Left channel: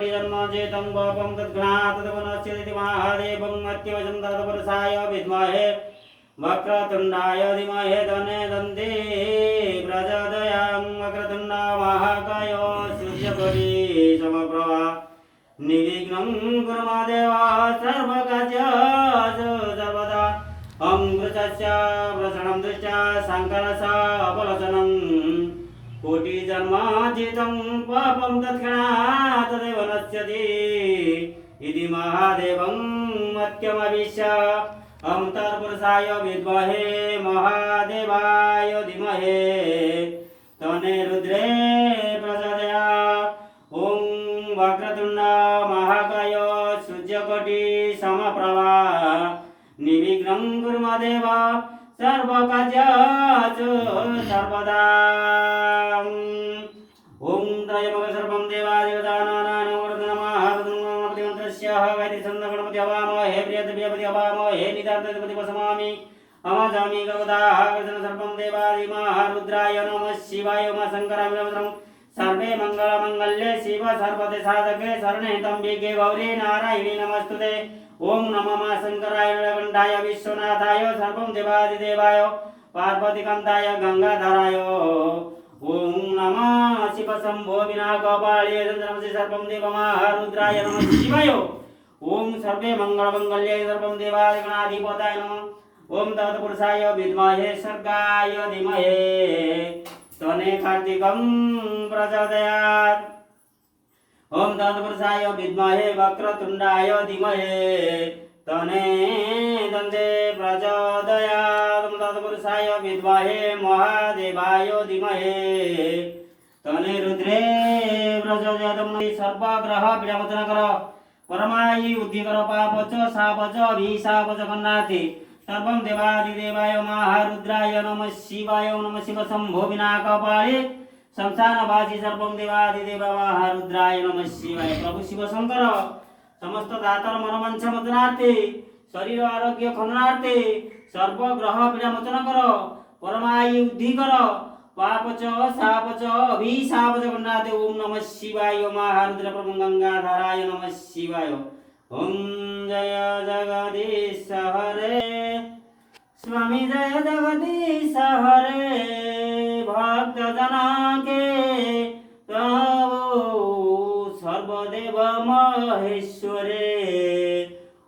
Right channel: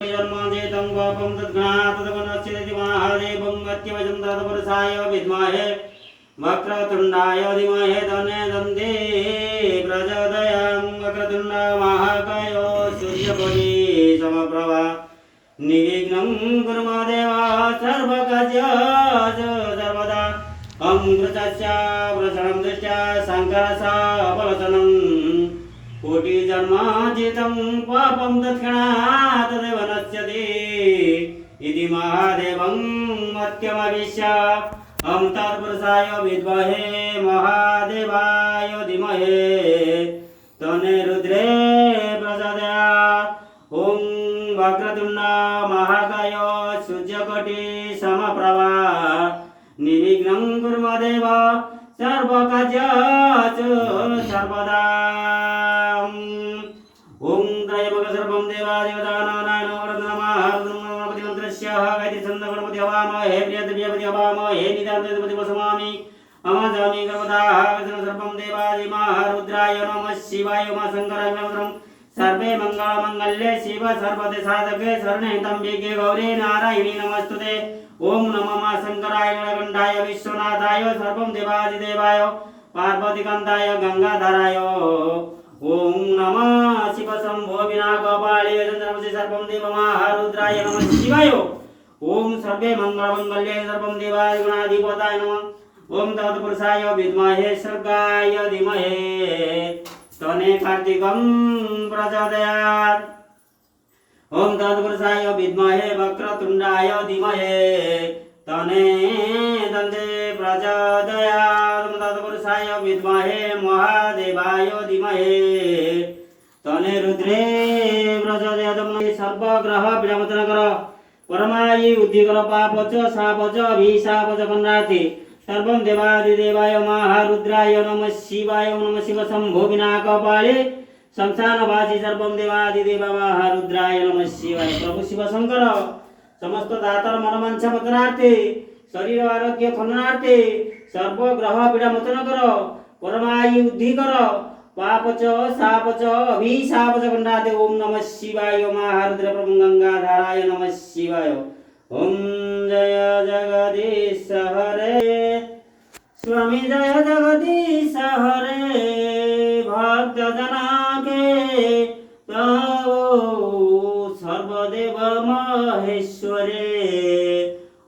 जन्मजेतं पापं तद्घ्नात् तदवनश्यति महादेवं मत्यवचं तदपरसाय विद्महे वक्रतुण्डाय धीमहि तन्नो दन्ति प्रचोदयात् वक्रतुण्ड महाकाय सूर्यकोटि समप्रभा निर्विघ्नं कुरु मे देव सर्वकार्येषु सर्वदा अमृतस्य प्रसन्नं दृष्ट्या शङ्करस्य बलसनं कोटिजन्मार्जितं पापं तत्क्षणात् तदेव नश्यति इति महादेवं मत्यमविश्य अहं तत्पुरुषाय विद्महे महादेवाय धीमहि तन्नो रुद्रे प्रचोदयात्। ॐ वक्रतुण्ड महाकाय सूर्यकोटि समप्रभा निर्विघ्नं कुरु मे देव सर्वकार्येषु सर्वदा। ओम त्रयंबक सर्वं देवादेवतानां नमः गणपतिमन्त्रस्य गायत्री छन्दः गणपति हवामहे प्रियदेवपति हवामहे निदान्तपति वसमामि अमाजामि गवदाः सर्वं देवादिमः रुद्राय नमः शिवाय मा शङ्कराय नमः सर्वे मंगलमंगल्ये शिव सर्वदे साधके शरणे त्र्यंबके गौरी नारायणी नमस्तुते। ओम नमो मा शंकराय नीलकंठाय विश्वनाथाय सर्वं देवादिदेवाय पार्वतीकान्ताय गंगाधराय। ओम नमः शिव शंभो विनाकपाळी चन्द्रमसि सर्वं देवमहारुद्राय नमः शिवाय। ओम सर्वे मंगलमंगल्ये सर्वं देवादिगणाधिपताय नमः। ओम तत्पुरुषाय विद्महे सर्गाय धीमहि तन्नो कार्तिकं प्रचोदयात्। ओम तत्पुरुषाय विद्महे वक्रतुण्डाय धीमहि तन्नो दन्ते प्रचोदयात्। ओम तत्पुरुषाय विद्महे महादेवाय धीमहि तन्नो रुद्रे प्रचोदयात्। सर्वग्रह विमोचन कर परमायि उद्धि कर पापच शापच अभिशापच कन्नाथे सर्वं देवादिदेवाय महारुद्राय नमः शिवाय। नमः शिव शंभो विनाकपाळे संस्थानवासी सर्वं देवादिदेव महारुद्राय नमः शिवाय। प्रभु शिव शंकर समस्त दातार मनवांछा मोचनार्थे शरीर आरोग्य खननार्थे सर्वग्रह विमोचन कर परमायि उद्धि कर पापच शापच अभिशापच कन्नाथे। ओम नमः शिवाय महारुद्र प्रभु गंगाधराय नमः शिवाय। ओम जय जगदीश हरे स्वामी जय जगदीश हरे भक्त जना के प्रभु सर्वदेव महेश्वरे।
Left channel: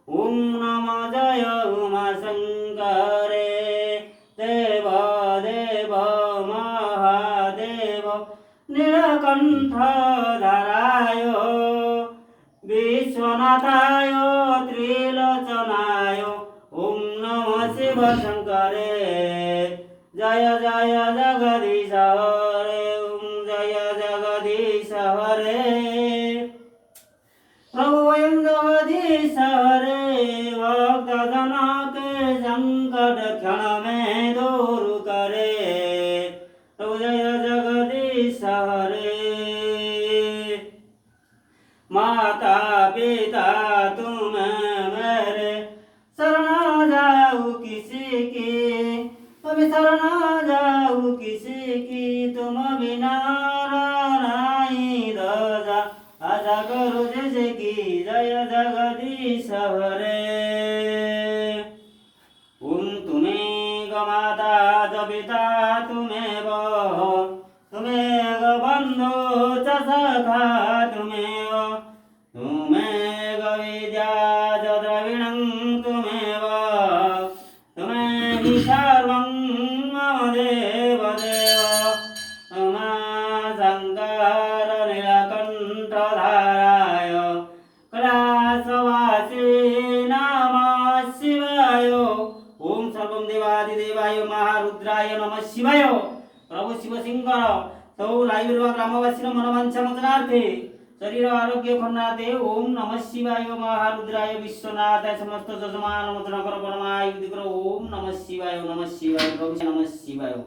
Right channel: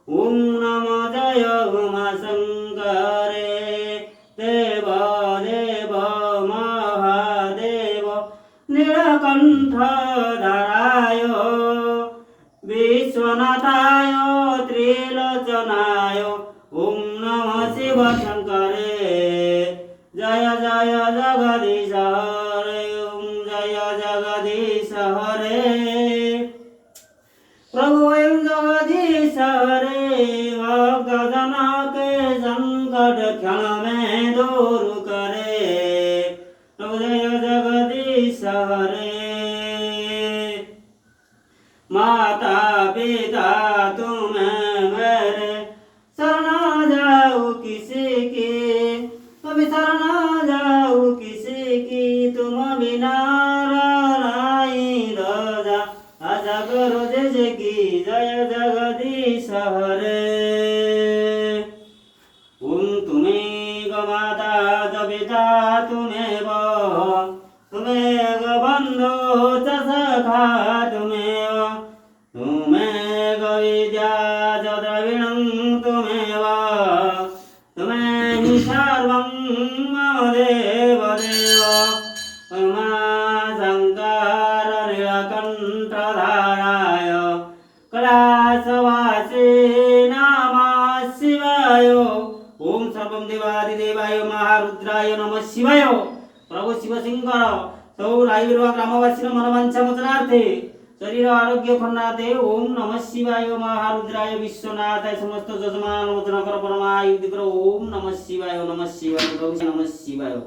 ओम नमो जय उमा शंकरे देव देव महादेव नीलकंठ धराय विश्वनाथाय त्रिलोचनाय। ओम नमः शिव शंकरे जय जय जगदीश हरे। ओम जय जगदीश हरे प्रभु वयं जगदीश हरे भक्त जना के संकट क्षण में दूर करे। प्रभु जय जगदीश हरे। माता पिता तुम्हें मेरे शरण जाऊं किसी की कभी शरण जाऊं किसी की तुम बिना नहीं रोजा आजा करो जैसे की जय जगदीश हरे। ओम तुम्हें गमाता ज पिता तुम्हें तुम्हें ग बंधु च सखा तुम्हें विद्या च द्रविणं तुम्हें तुम्हें हि सर्वं देव देव उमा शंकर नीलकंठ धाराय कैलासवासी नमः शिवाय। ओम सर्वं देवादिदेवाय महारुद्राय नमः शिवाय। प्रभु शिव शंकर सौ रायवीर ग्रामवासी मनवांछा मोचनार्थे शरीर आरोग्य खन्नाथे। ओम नमः शिवाय महारुद्राय विश्वनाथाय समस्त जजमान मोचन कर परमायुद्धि कर। ओम नमः शिवाय नमः शिवाय नमः शिवाय।